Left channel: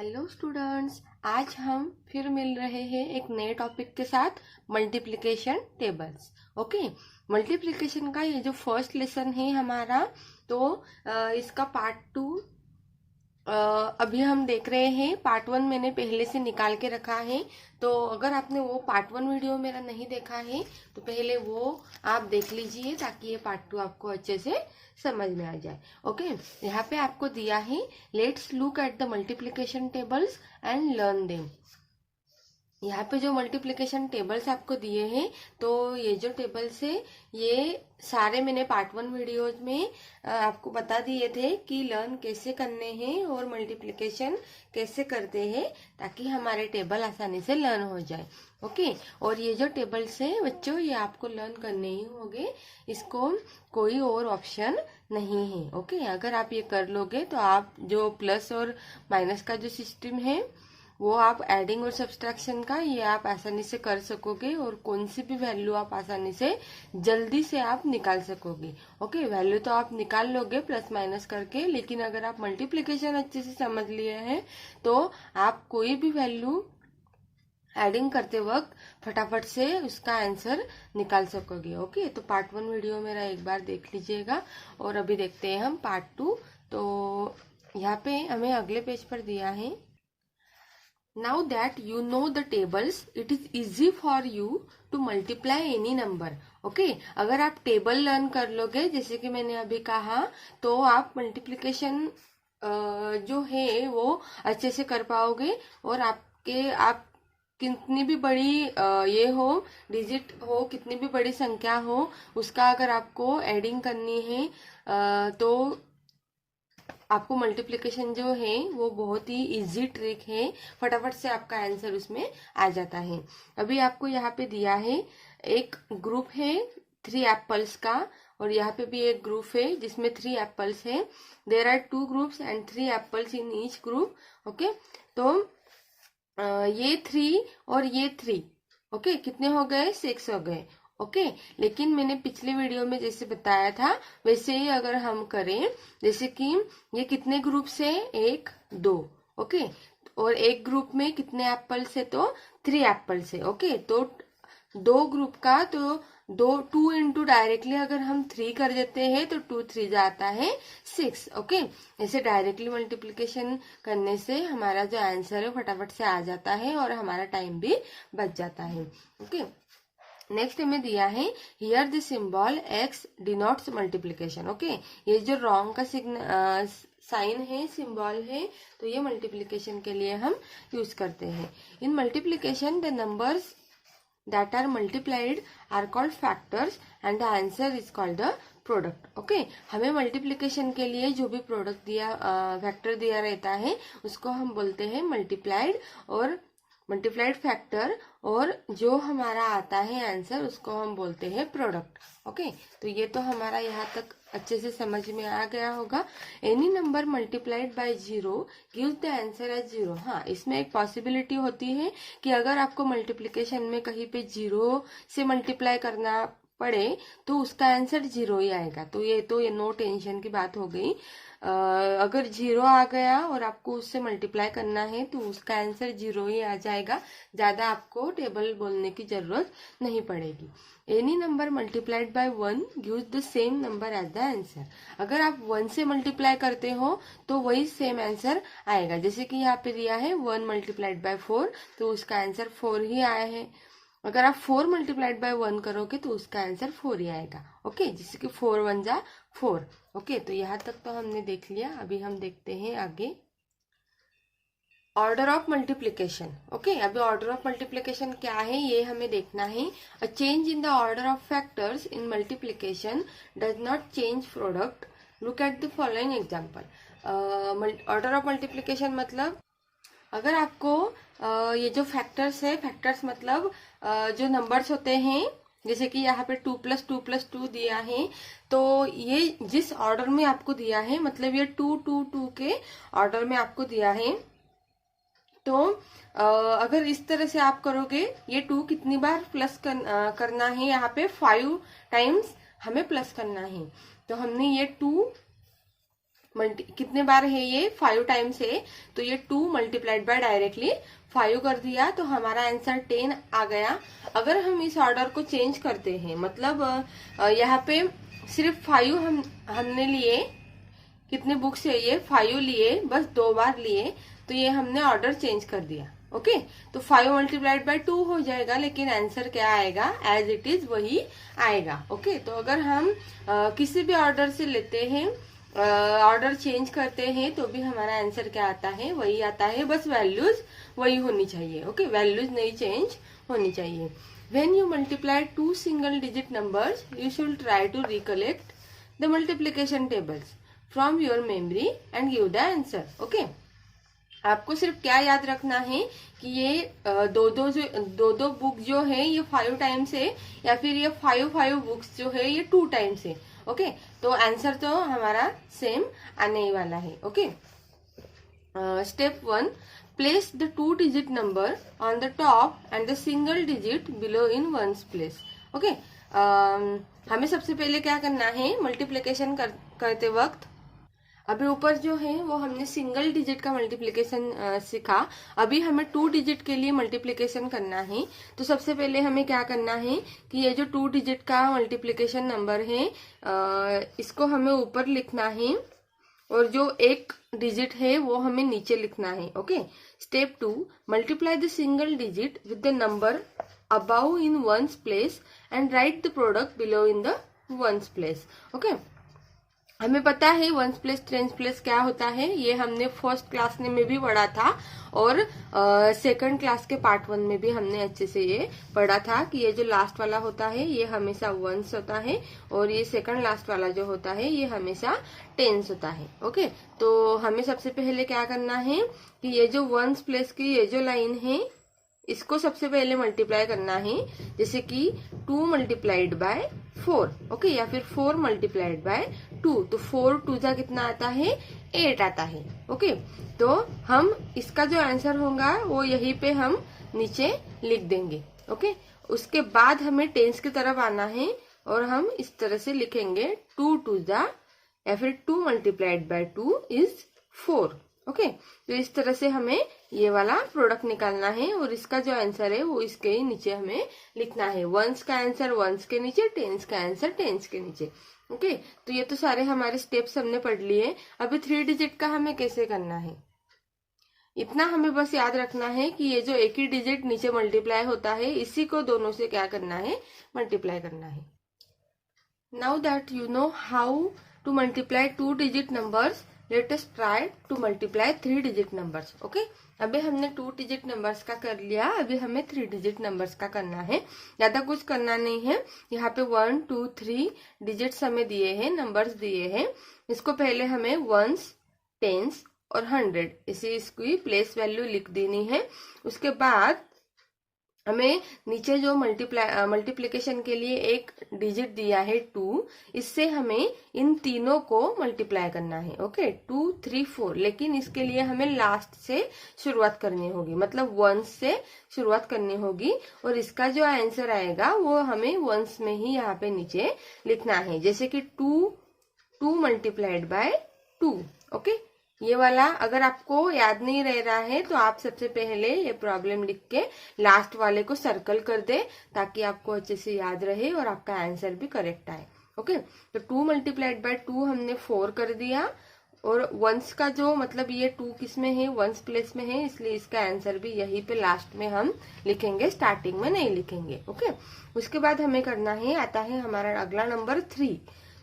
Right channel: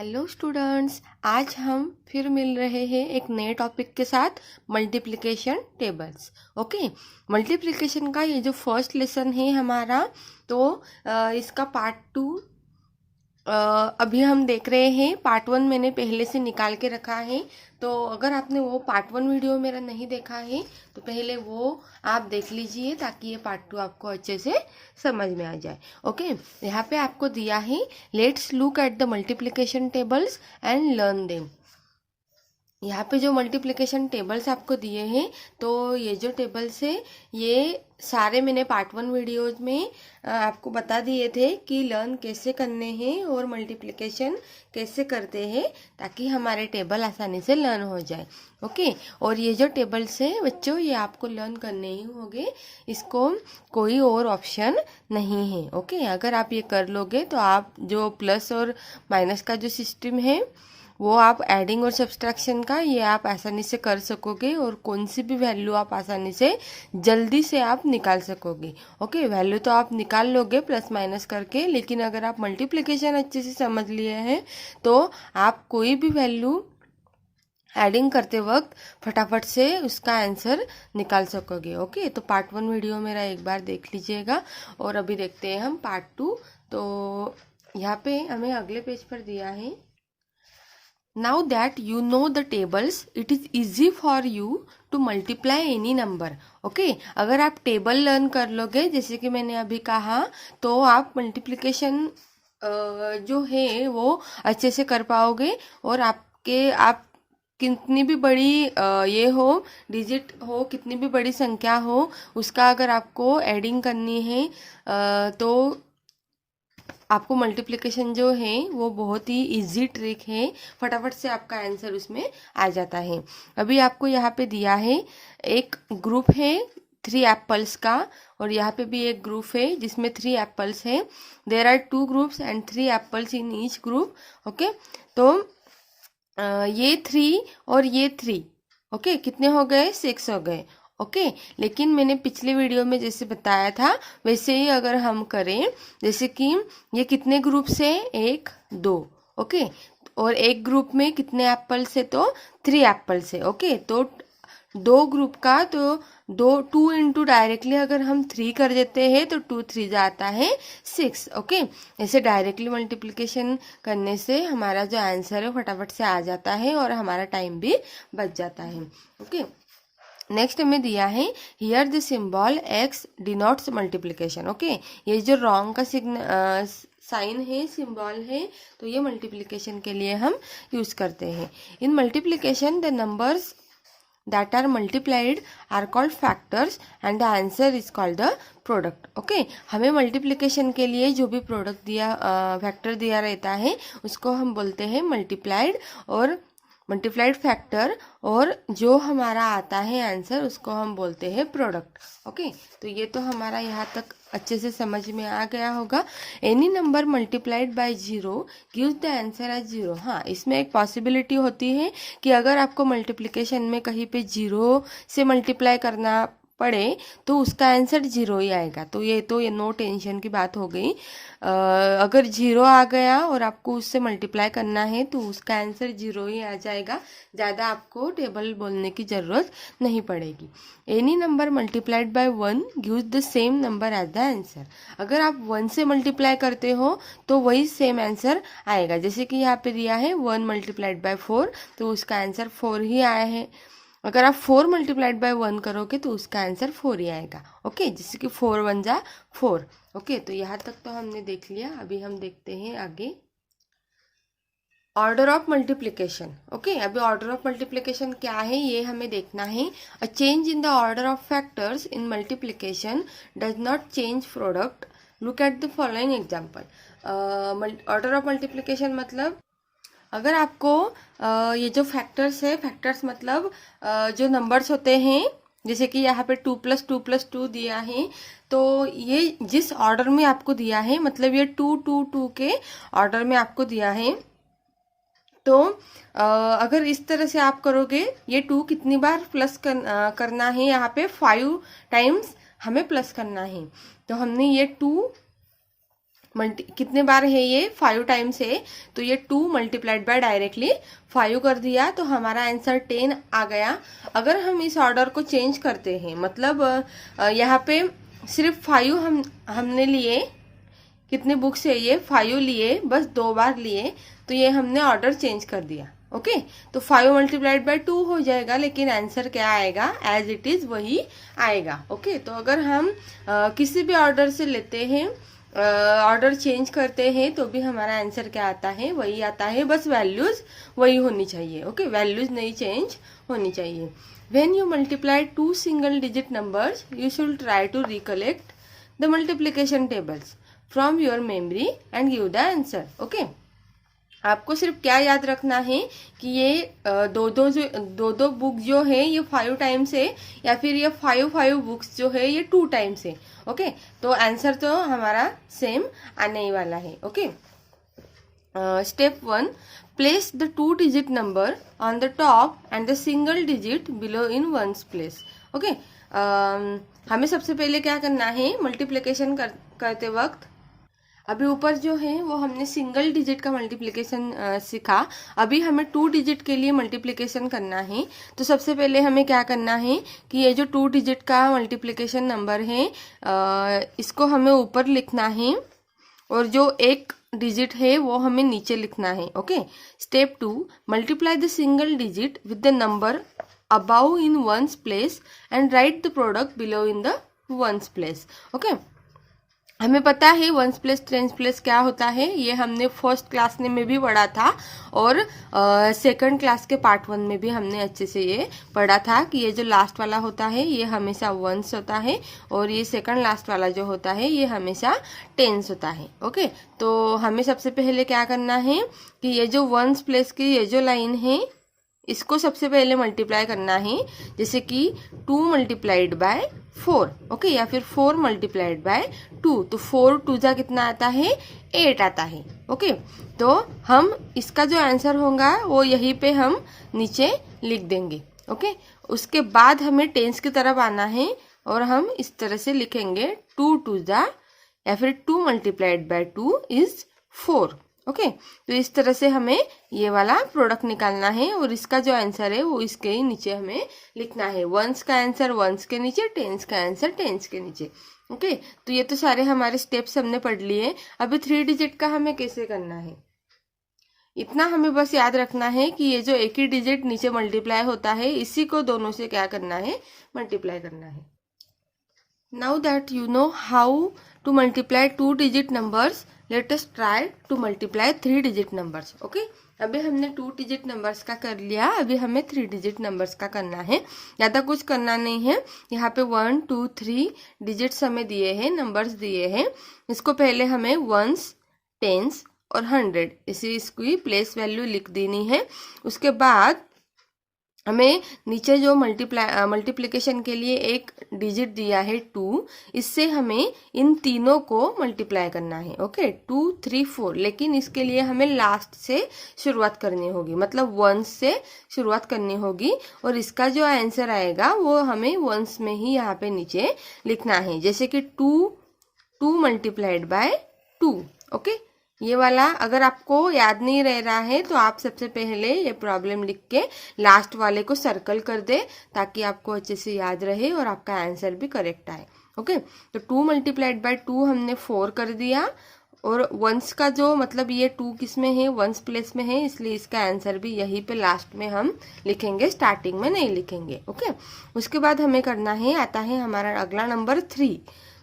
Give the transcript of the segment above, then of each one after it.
Hello students, आज हम फिर मिल रहे हैं एक नए टॉपिक के साथ मल्टीप्लिकेशन टेबल्स। ओके, मल्टीप्लिकेशन का ये जो फर्स्ट लेसन है हमारा, तो इसका पार्ट 2 अभी हम देख रहे हैं। पार्ट 1 मैंने पहले से निकाल के रखा है, तो अगर आपने वो पार्ट 1 वीडियो मेरा नहीं देखा है तो पहले वो आप देख लीजिए ताकि ये पार्ट 2 आपको अच्छे से समझ में आ जाए। ओके, यहाँ पे आपको दिया है let's look at the multiplication tables and learn them. यहाँ पे जो मल्टीप्लिकेशन टेबल्स आपको दिए हैं, तो ये जो टेबल्स है ये सारे मैंने पार्ट 1 वीडियोज में आपको बता दिए थे कि लर्न कैसे करने हैं और मल्टीप्लिकेशन कैसे करते हैं ताकि हमारे टेबल आसानी से लर्न हो जाए। ओके, और ये जो टेबल्स है बच्चों, ये आपको लर्न करने ही होंगे, इसको कोई और ऑप्शन नहीं है। ओके, अगर आप ये कर लोगे तो आप जो प्लस और माइनस का जो सिस्टम है वो आप एडिंग और सब्सट्रैक्शन का ये आप आसानी से कर सकोगे और कौन सी भी वैल्यू आप आसानी से जल्दी से आप निकाल सकोगे। ओके, वैल्यू तो आप निकाल लोगे प्लस माइनस करके, लेकिन अगर आप मल्टीप्लिकेशन अच्छे से समझ लिए हैं तो आप कोई भी वैल्यू एडिंग करते वक्त फटाफट से उसका आंसर निकाल सकोगे। ओके, तो पार्ट 1 वीडियो मेरा एक बार देख लीजिएगा और अभी देखते हैं हम पार्ट 2। तो यहाँ पे हमें अगले पेज पर दिया है, Now that you know the tables, it is easy for you to multiply any number. Okay, अगर आप टेबल लर्न कर लोगे जैसे कि मैंने अभी कहा, तो आप मल्टीप्लिकेशन जो है वो अच्छे से कर पाओगे और आप कितनी भी बड़ी ये हो डिजिट हो, कितनी भी बड़ी संख्या हो, उसका अगर आपको एडिंग करनी है तो आपको मल्टीप्लिकेशन जो है वो बहुत ही इजी ट्रिक है, फटाफट से आपका आंसर उसमें आ जाता है। अभी आपको यहाँ पे दिया है एक ग्रुप है 3 एप्पल्स का, और यहाँ पे भी एक ग्रुप है जिसमें 3 एप्पल्स है। There are 2 groups and 3 apples in each group. Okay, तो ये 3 और ये 3, ओके, कितने हो गए? 6 हो गए। ओके, लेकिन मैंने पिछले वीडियो में जैसे बताया था वैसे ही अगर हम करें, जैसे कि ये कितने ग्रुप से 1 2, ओके, और एक ग्रुप में कितने एप्पल्स है? तो 3 एप्पल्स है। ओके, तो 2 ग्रुप का तो 2 इंटू डायरेक्टली अगर हम 3 कर देते हैं तो 2 3 जाता है 6। ओके, ऐसे डायरेक्टली मल्टीप्लिकेशन करने से हमारा जो आंसर है फटाफट से आ जाता है और हमारा टाइम भी बच जाता है। ओके, नेक्स्ट हमें दिया है here the symbol x denotes multiplication. Okay, ये जो रॉन्ग का साइन है, सिंबल है, तो ये मल्टीप्लिकेशन के लिए हम यूज करते हैं। इन multiplication the numbers that are multiplied are called factors and the answer is called the product. Okay, हमें मल्टीप्लिकेशन के लिए जो भी प्रोडक्ट दिया फैक्टर दिया रहता है उसको हम बोलते हैं मल्टीप्लाइड फैक्टर, और जो हमारा आता है आंसर उसको हम बोलते हैं प्रोडक्ट। ओके, तो ये तो हमारा यहाँ तक अच्छे से समझ में आ गया होगा। Any number multiplied by 0 gives the answer as 0। हाँ, इसमें एक पॉसिबिलिटी होती है कि अगर आपको मल्टीप्लिकेशन में कहीं पे 0 से मल्टीप्लाई करना पड़े तो उसका आंसर 0 ही आएगा। तो ये नो टेंशन की बात हो गई। अगर 0 आ गया और आपको उससे मल्टीप्लाई करना है तो उसका आंसर 0 ही आ जाएगा, ज़्यादा आपको टेबल बोलने की ज़रूरत नहीं पड़ेगी। Any number multiplied by 1 gives the same number as the answer. अगर आप 1 से मल्टीप्लाई करते हो तो वही सेम आंसर आएगा। जैसे कि यहाँ पे दिया है 1 मल्टीप्लाइड बाय 4, तो उसका आंसर 4 ही आया है। अगर आप 4 मल्टीप्लाइड बाय 1 करोगे तो उसका आंसर 4 ही आएगा। ओके, जैसे कि 4 1 जा 4। ओके, तो यहाँ तक तो हमने देख लिया। अभी हम देखते हैं आगे ऑर्डर ऑफ मल्टीप्लिकेशन। ओके, अभी ऑर्डर ऑफ मल्टीप्लिकेशन क्या है ये हमें देखना है। A change in the order of factors in multiplication does not change product. Look at the following example. Order of multiplication मतलब अगर आपको ये जो फैक्टर्स है, फैक्टर्स मतलब जो नंबर्स होते हैं, जैसे कि यहाँ पे 2 + 2 + 2 दिया है, तो ये जिस ऑर्डर में आपको दिया है, मतलब ये 2 2 2 के ऑर्डर में आपको दिया है, तो अगर इस तरह से आप करोगे, ये 2 कितनी बार प्लस करना है? यहाँ पे 5 टाइम्स हमें प्लस करना है। तो हमने ये 2 कितने बार है ये, 5 टाइम्स है, तो ये 2 मल्टीप्लाइड बाय डायरेक्टली 5 कर दिया, तो हमारा आंसर 10 आ गया। अगर हम इस ऑर्डर को चेंज करते हैं, मतलब यहाँ पे सिर्फ 5 हमने लिए, कितनी बुक्स है ये, 5 लिए, बस 2 बार लिए, तो ये हमने ऑर्डर चेंज कर दिया। ओके, तो 5 मल्टीप्लाइड बाय 2 हो जाएगा, लेकिन आंसर क्या आएगा, एज इट इज वही आएगा। ओके, तो अगर हम किसी भी ऑर्डर से लेते हैं, ऑर्डर चेंज करते हैं, तो भी हमारा आंसर क्या आता है, वही आता है, बस वैल्यूज वही होनी चाहिए। ओके, वैल्यूज नहीं चेंज होनी चाहिए। When you multiply 2 single digit numbers, you should try to recollect the multiplication tables from your memory and give the answer. Okay? आपको सिर्फ क्या याद रखना है कि ये दो बुक जो है ये 5 टाइम्स है, या फिर ये 5 बुक्स जो है ये 2 टाइम्स है। ओके, तो आंसर तो हमारा सेम आने ही वाला है। Okay, step 1, place the 2-digit number on the top and the single digit below in ones place. Okay, हमें सबसे पहले क्या करना है, मल्टीप्लिकेशन करते वक्त, अभी ऊपर जो है वो हमने सिंगल डिजिट का मल्टीप्लिकेशन सीखा, अभी हमें 2 डिजिट के लिए मल्टीप्लिकेशन करना है। तो सबसे पहले हमें क्या करना है कि ये जो 2 डिजिट का मल्टीप्लिकेशन नंबर है, इसको हमें ऊपर लिखना है, और जो एक डिजिट है वो हमें नीचे लिखना है। Okay, step 2, multiply the single digit with the number above in ones place and write the product below in the ones place. Okay, हमें पता है वंस प्लेस टेंस प्लेस क्या होता है, ये हमने फर्स्ट क्लास में भी पढ़ा था, और सेकंड क्लास के पार्ट 1 में भी हमने अच्छे से ये पढ़ा था कि ये जो लास्ट वाला होता है ये हमेशा वंस होता है, और ये सेकंड लास्ट वाला जो होता है ये हमेशा टेंस होता है। ओके, तो हमें सबसे पहले क्या करना है कि ये जो वंस प्लेस की ये जो लाइन है, इसको सबसे पहले मल्टीप्लाई करना है, जैसे कि 2 मल्टीप्लाइड बाय 4। ओके, या फिर 4 मल्टीप्लाइड बाय 2, तो 4 2 जा कितना आता है, 8 आता है। ओके, तो हम इसका जो आंसर होगा वो यहीं पे हम नीचे लिख देंगे। ओके, उसके बाद हमें टेंस की तरफ आना है, और हम इस तरह से लिखेंगे 2 2 जा, या फिर 2 मल्टीप्लाइड बाय 2 इज 4। ओके, तो इस तरह से हमें ये वाला प्रोडक्ट निकालना है, और इसका जो आंसर है वो इसके ही नीचे हमें लिखना है। वंस का आंसर वंस के नीचे, टेंस का आंसर टेंस के नीचे। ओके, तो ये तो सारे हमारे स्टेप्स हमने पढ़ लिए। अभी 3 डिजिट का हमें कैसे करना है, इतना हमें बस याद रखना है कि ये जो एक ही डिजिट नीचे मल्टीप्लाई होता है, इसी को दोनों से क्या करना है, मल्टीप्लाई करना है। Now that you know how to multiply 2 digit numbers, let us try to multiply 3 digit numbers. Okay, अभी हमने 2 डिजिट नंबर्स का कर लिया, अभी हमें 3 डिजिट नंबर्स का करना है। ज्यादा कुछ करना नहीं है, यहाँ पे 1 2 3 डिजिट्स हमें दिए हैं, नंबर्स दिए हैं। इसको पहले हमें वंस, टेंस और 100 इसी इसकी प्लेस वैल्यू लिख देनी है। उसके बाद हमें नीचे जो मल्टीप्लिकेशन के लिए एक डिजिट दिया है 2, इससे हमें इन तीनों को मल्टीप्लाई करना है। ओके, 2 3 4, लेकिन इसके लिए हमें लास्ट से शुरुआत करनी होगी, मतलब वंस से शुरुआत करनी होगी, और इसका जो आंसर आएगा वो हमें वंस में ही यहाँ पे नीचे लिखना है, जैसे कि 2 मल्टीप्लाइड बाय 2। ओके, ये वाला अगर आपको याद नहीं रह रहा है तो आप सबसे पहले ये प्रॉब्लम लिख के लास्ट वाले को सर्कल कर दे, ताकि आपको अच्छे से याद रहे और आपका आंसर भी करेक्ट आए। ओके, तो 2 मल्टीप्लाइड बाय 2 हमने 4 कर दिया, और वंस का जो मतलब ये 2 किस में है, वंस प्लेस में है, इसलिए इसका आंसर भी यहीं पे लास्ट में हम लिखेंगे, स्टार्टिंग में नहीं लिखेंगे। ओके, उसके बाद हमें करना है, आता है हमारा अगला नंबर 3।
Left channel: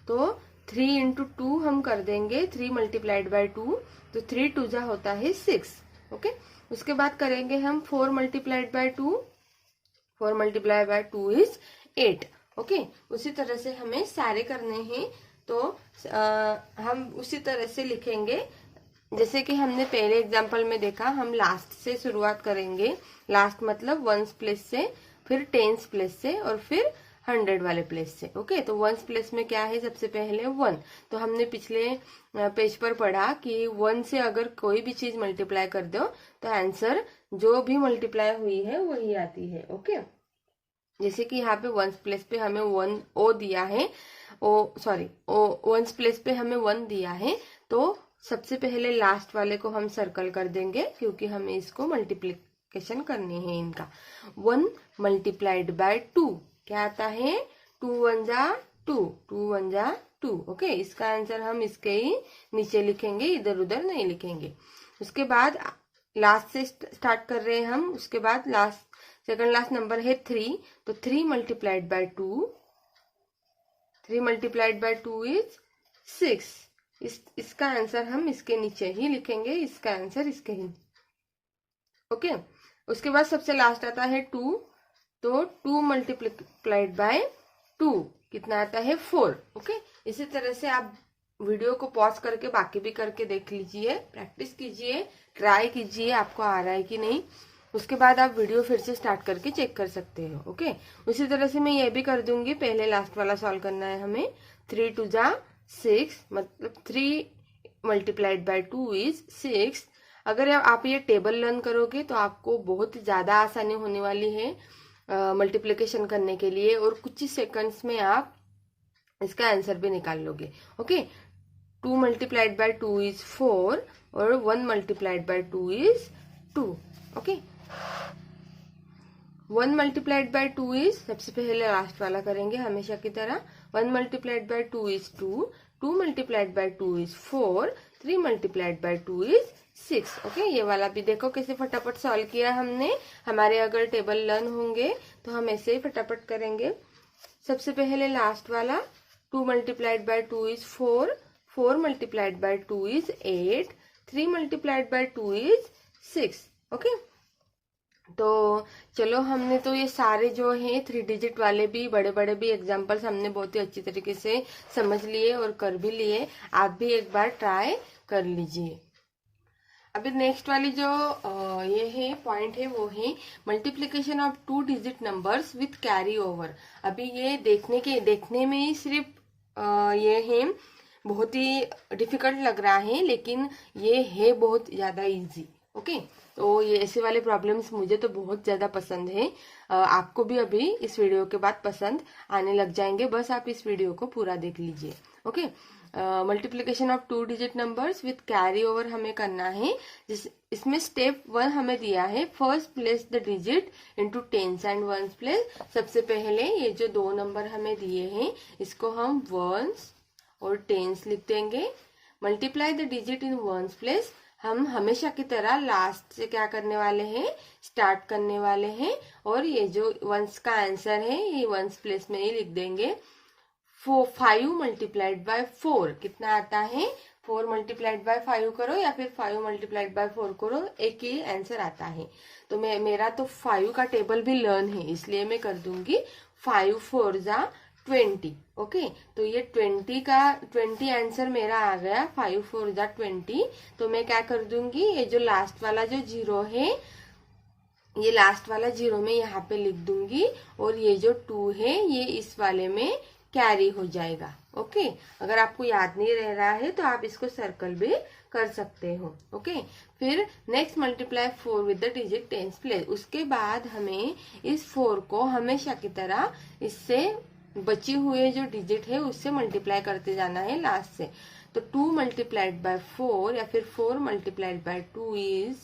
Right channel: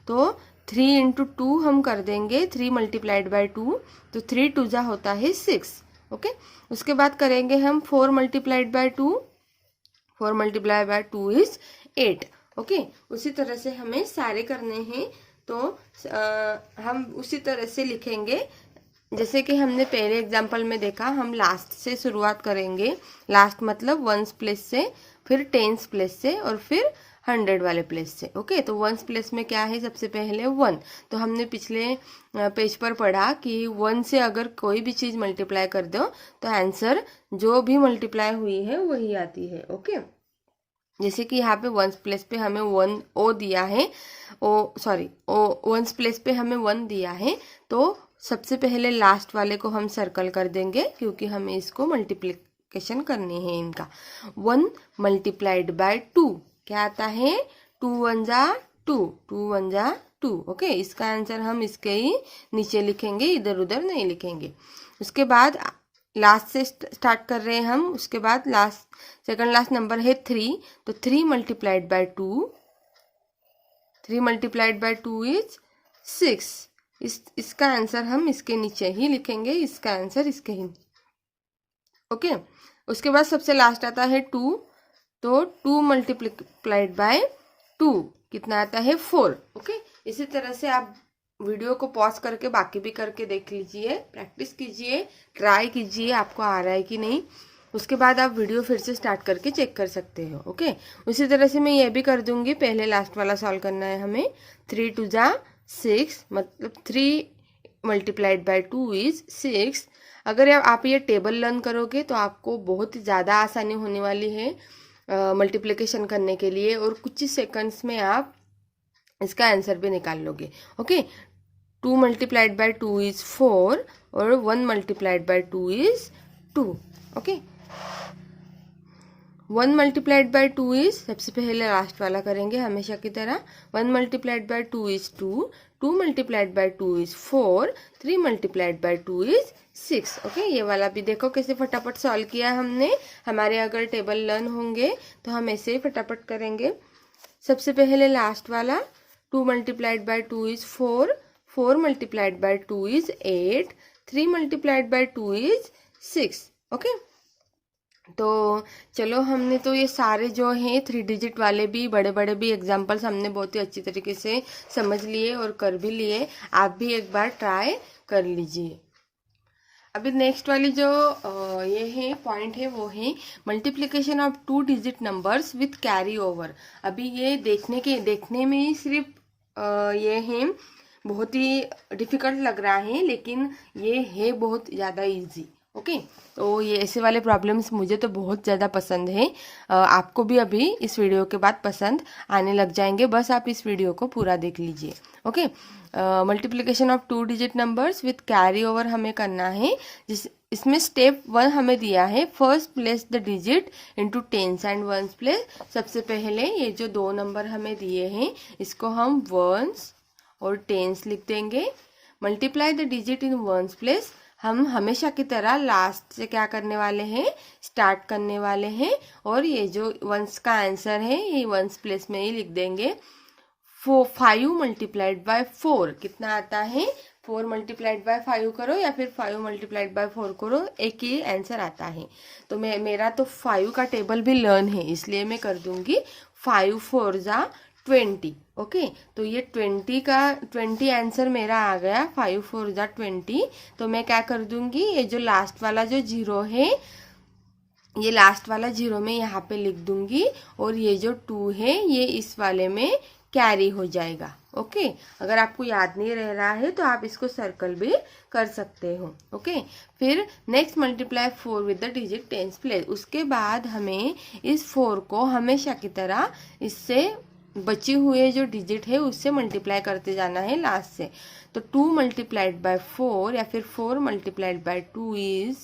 तो 3 इंटू 2 हम कर देंगे, 3 मल्टीप्लाइड बाय 2, तो 3 2 जा होता है 6। ओके, उसके बाद करेंगे हम 4 multiplied by 2, 4 multiplied by 2 is 8। Okay, उसी तरह से हमें सारे करने हैं, तो हम उसी तरह से लिखेंगे जैसे कि हमने पहले एग्जाम्पल में देखा। हम लास्ट से शुरुआत करेंगे, लास्ट मतलब वंस प्लेस से, फिर टेंस प्लेस से, और फिर 100 वाले प्लेस से। ओके, तो वंस प्लेस में क्या है, सबसे पहले 1। तो हमने पिछले पेज पर पढ़ा कि 1 से अगर कोई भी चीज मल्टीप्लाई कर दो तो आंसर जो भी मल्टीप्लाई हुई है वही आती है। ओके, जैसे कि यहाँ पे वंस प्लेस पे हमें 1 ओ दिया है, वंस प्लेस पे हमें 1 दिया है, तो सबसे पहले लास्ट वाले को हम सर्कल कर देंगे क्योंकि हमें इसको मल्टीप्लिकेशन करनी है इनका। 1 मल्टीप्लाइड बाय 2 क्या आता है? 2 1 जा 2, 2 1 जा 2। ओके, इसका आंसर हम इसके ही नीचे लिखेंगे, इधर उधर नहीं लिखेंगे। उसके बाद लास्ट से स्टार्ट कर रहे हैं हम। उसके बाद लास्ट सेकंड लास्ट नंबर है 3, तो 3 multiplied by 2, 3 multiplied by 2 is 6। इसका आंसर हम इसके नीचे ही लिखेंगे, इसका आंसर इसके ही। ओके, उसके बाद सबसे लास्ट आता है 2, तो 2 मल्टीप्लाइड बाय 2 कितना आता है? 4। ओके, इसी तरह से आप वीडियो को पॉज करके बाकी भी करके देख लीजिए, प्रैक्टिस कीजिए, ट्राई कीजिए आपको आ रहा है कि नहीं। उसके बाद आप वीडियो फिर से स्टार्ट करके चेक कर सकते हो। ओके, उसी तरह से मैं ये भी कर दूंगी। पहले लास्ट वाला सॉल्व करना है हमें। 3 2 जा 6, मतलब 3 मल्टीप्लाइड बाय 2 इज 6। अगर आप ये टेबल लर्न करोगे तो आपको बहुत ही ज़्यादा आसानी होने वाली है मल्टीप्लिकेशन करने के लिए, और कुछ ही सेकंड्स में आप इसका आंसर भी निकाल लोगे। ओके, 2 मल्टीप्लाइड बाय 2 इज 4 और 1 multiplied by 2 is 2। Okay, 1 multiplied by 2 is, सबसे पहले लास्ट वाला करेंगे हमेशा की तरह। 1 multiplied by 2 is 2, 2 multiplied by 2 is 4, 3 multiplied by 2 is 6। Okay, ये वाला भी देखो कैसे फटाफट सॉल्व किया हमने। हमारे अगर टेबल लर्न होंगे तो हम ऐसे ही फटाफट करेंगे। सबसे पहले लास्ट वाला 2 multiplied by 2 is 4, 4 multiplied by 2 is 8, 3 multiplied by 2 is 6। Okay, तो चलो हमने तो ये सारे जो हैं 3 डिजिट वाले भी बड़े बड़े भी एग्जाम्पल्स हमने बहुत ही अच्छी तरीके से समझ लिए और कर भी लिए। आप भी एक बार ट्राई कर लीजिए। अभी नेक्स्ट वाली जो ये है पॉइंट है वो है multiplication of 2 digit numbers with carry over. अभी ये देखने में ही सिर्फ ये है बहुत ही डिफिकल्ट लग रहा है, लेकिन ये है बहुत ज़्यादा इजी। ओके, तो ये ऐसे वाले प्रॉब्लम्स मुझे तो बहुत ज़्यादा पसंद है। आपको भी अभी इस वीडियो के बाद पसंद आने लग जाएंगे, बस आप इस वीडियो को पूरा देख लीजिए। Okay, multiplication of 2 digit numbers with carry over हमें करना है। इसमें स्टेप 1 हमें दिया है, first place the digit into tens and ones place. सबसे पहले ये जो 2 नंबर हमें दिए हैं इसको हम वंस और टेंस लिख देंगे। Multiply the digit in ones place, हम हमेशा की तरह लास्ट से क्या करने वाले हैं? स्टार्ट करने वाले हैं, और ये जो वंस का आंसर है ये वंस प्लेस में ही लिख देंगे। 5 मल्टीप्लाइड बाय 4 कितना आता है? 4 मल्टीप्लाइड बाय 5 करो या फिर 5 मल्टीप्लाइड बाय 4 करो, एक ही आंसर आता है। तो मेरा तो 5 का टेबल भी लर्न है, इसलिए मैं कर दूंगी 5 4 जा 20। ओके, तो ये 20 आंसर मेरा आ गया। 5 4 जा 20। तो मैं क्या कर दूंगी, ये जो लास्ट वाला जो 0 है ये लास्ट वाला 0 में यहाँ पे लिख दूंगी, और ये जो 2 है ये इस वाले में कैरी हो जाएगा। ओके, अगर आपको याद नहीं रह रहा है तो आप इसको सर्कल भी कर सकते हो। ओके, फिर next multiply 4 with the digit tens place. उसके बाद हमें इस 4 को हमेशा की तरह इससे बची हुए जो डिजिट है उससे मल्टीप्लाई करते जाना है लास्ट से। तो 2 मल्टीप्लाइड बाय 4 या फिर 4 मल्टीप्लाइड बाय 2 इज,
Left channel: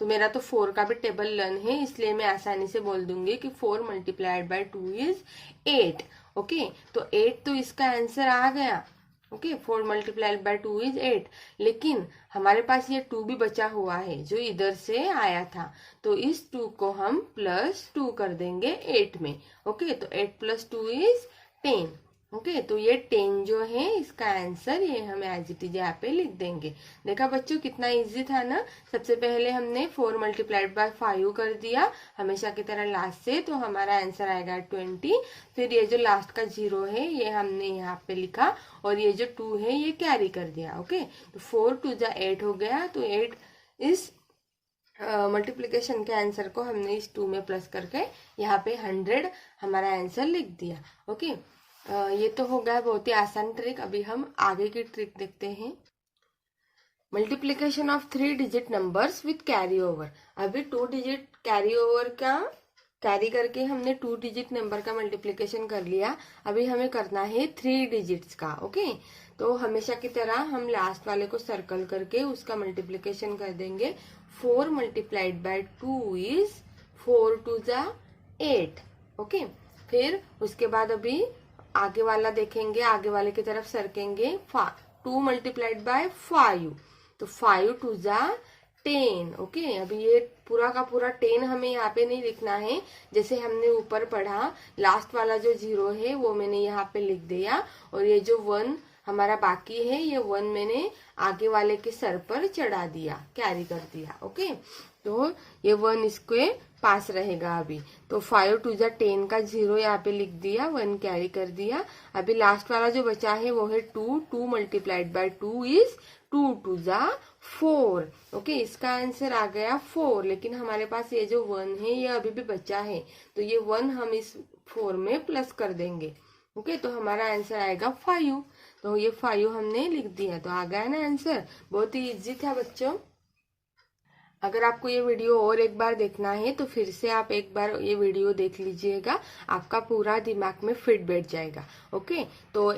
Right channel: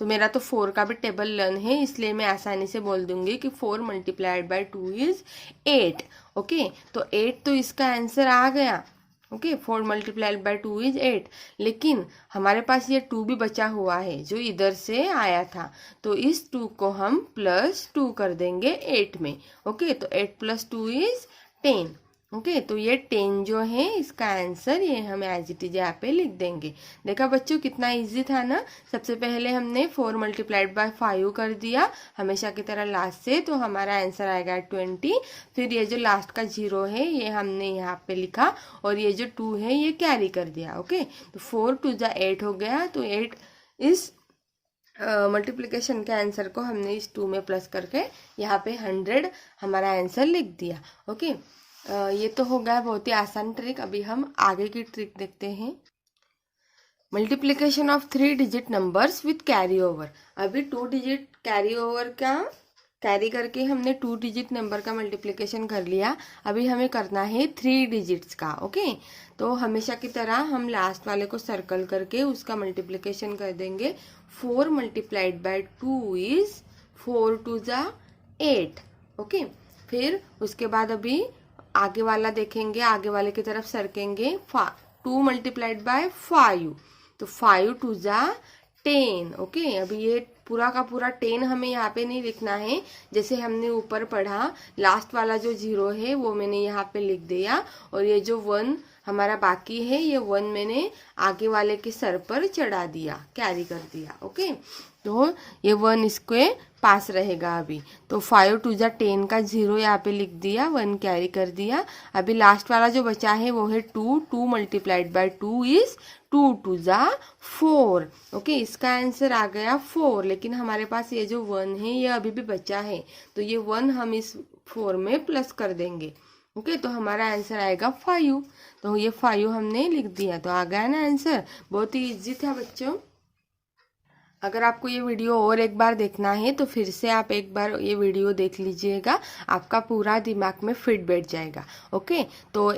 तो मेरा तो 4 का भी टेबल लर्न है इसलिए मैं आसानी से बोल दूंगी कि 4 मल्टीप्लाइड बाय 2 इज 8। ओके, तो 8 तो इसका आंसर आ गया। ओके, 4 मल्टीप्लाइड बाय 2 इज 8, लेकिन हमारे पास ये 2 भी बचा हुआ है जो इधर से आया था, तो इस 2 को हम +2 कर देंगे 8 में। ओके, तो 8 + 2 इज 10। ओके, तो ये 10 जो है इसका आंसर ये हम एज इट इज यहाँ पे लिख देंगे। देखा बच्चों कितना इजी था ना। सबसे पहले हमने 4 मल्टीप्लाइड बाय 5 कर दिया हमेशा की तरह लास्ट से, तो हमारा आंसर आएगा 20। फिर ये जो लास्ट का 0 है ये हमने यहाँ पे लिखा, और ये जो 2 है ये कैरी कर दिया। ओके, तो 4 2 जा 8 हो गया, तो 8 इस मल्टीप्लिकेशन के आंसर को हमने इस 2 में प्लस करके यहाँ पे 100 हमारा आंसर लिख दिया। ओके, ये तो हो गया बहुत ही आसान ट्रिक। अभी हम आगे की ट्रिक देखते हैं। Multiplication of 3 digit numbers with carry over. अभी 2 डिजिट कैरी ओवर का कैरी करके हमने 2 डिजिट नंबर का मल्टीप्लिकेशन कर लिया। अभी हमें करना है 3 डिजिट्स का। ओके, तो हमेशा की तरह हम लास्ट वाले को सर्कल करके उसका मल्टीप्लिकेशन कर देंगे। 4 मल्टीप्लाइड बाय 2 इज 4 टू ज़ा 8। ओके, फिर उसके बाद अभी आगे वाला देखेंगे, आगे वाले की तरफ सरकेंगे। 2 मल्टीप्लाइड बाय 5, तो 5 टू ज़ा 10। ओके, अभी ये पूरा का पूरा 10 हमें यहाँ पे नहीं लिखना है, जैसे हमने ऊपर पढ़ा लास्ट वाला जो 0 है वो मैंने यहाँ पे लिख दिया, और ये जो 1 हमारा बाकी है ये 1 मैंने आगे वाले के सर पर चढ़ा दिया, कैरी कर दिया। ओके, तो ये 1 इसके पास रहेगा अभी। तो 5 टू ज़ा 10 का 0 यहाँ पे लिख दिया, 1 कैरी कर दिया। अभी लास्ट वाला जो बचा है वो है 2। 2 मल्टीप्लाइड बाय 2 इज 2 टू ज़ा 4। ओके, इसका आंसर आ गया 4, लेकिन हमारे पास ये जो 1 है ये अभी भी बचा है, तो ये 1 हम इस 4 में प्लस कर देंगे। ओके, तो हमारा आंसर आएगा 5। तो ये 5 हमने लिख दिया, तो आ गया ना आंसर। बहुत ही इजी था बच्चों। अगर आपको ये वीडियो और एक बार देखना है तो फिर से आप एक बार ये वीडियो देख लीजिएगा, आपका पूरा दिमाग में फिट बैठ जाएगा। ओके, तो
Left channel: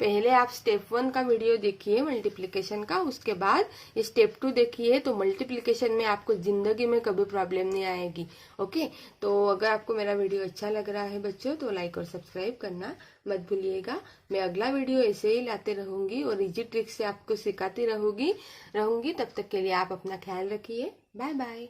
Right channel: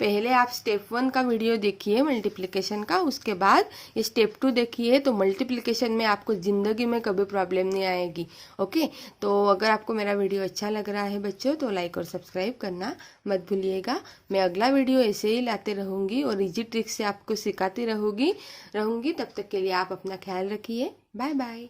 पहले आप स्टेप 1 का वीडियो देखिए मल्टीप्लिकेशन का, उसके बाद ये स्टेप 2 देखिए, तो मल्टीप्लिकेशन में आपको जिंदगी में कभी प्रॉब्लम नहीं आएगी। ओके, तो अगर आपको मेरा वीडियो अच्छा लग रहा है बच्चों तो लाइक और सब्सक्राइब करना मत भूलिएगा। मैं अगला वीडियो ऐसे ही लाते रहूंगी और इजी ट्रिक से आपको सिखाती रहूंगी। तब तक के लिए आप अपना ख्याल रखिए। Bye bye.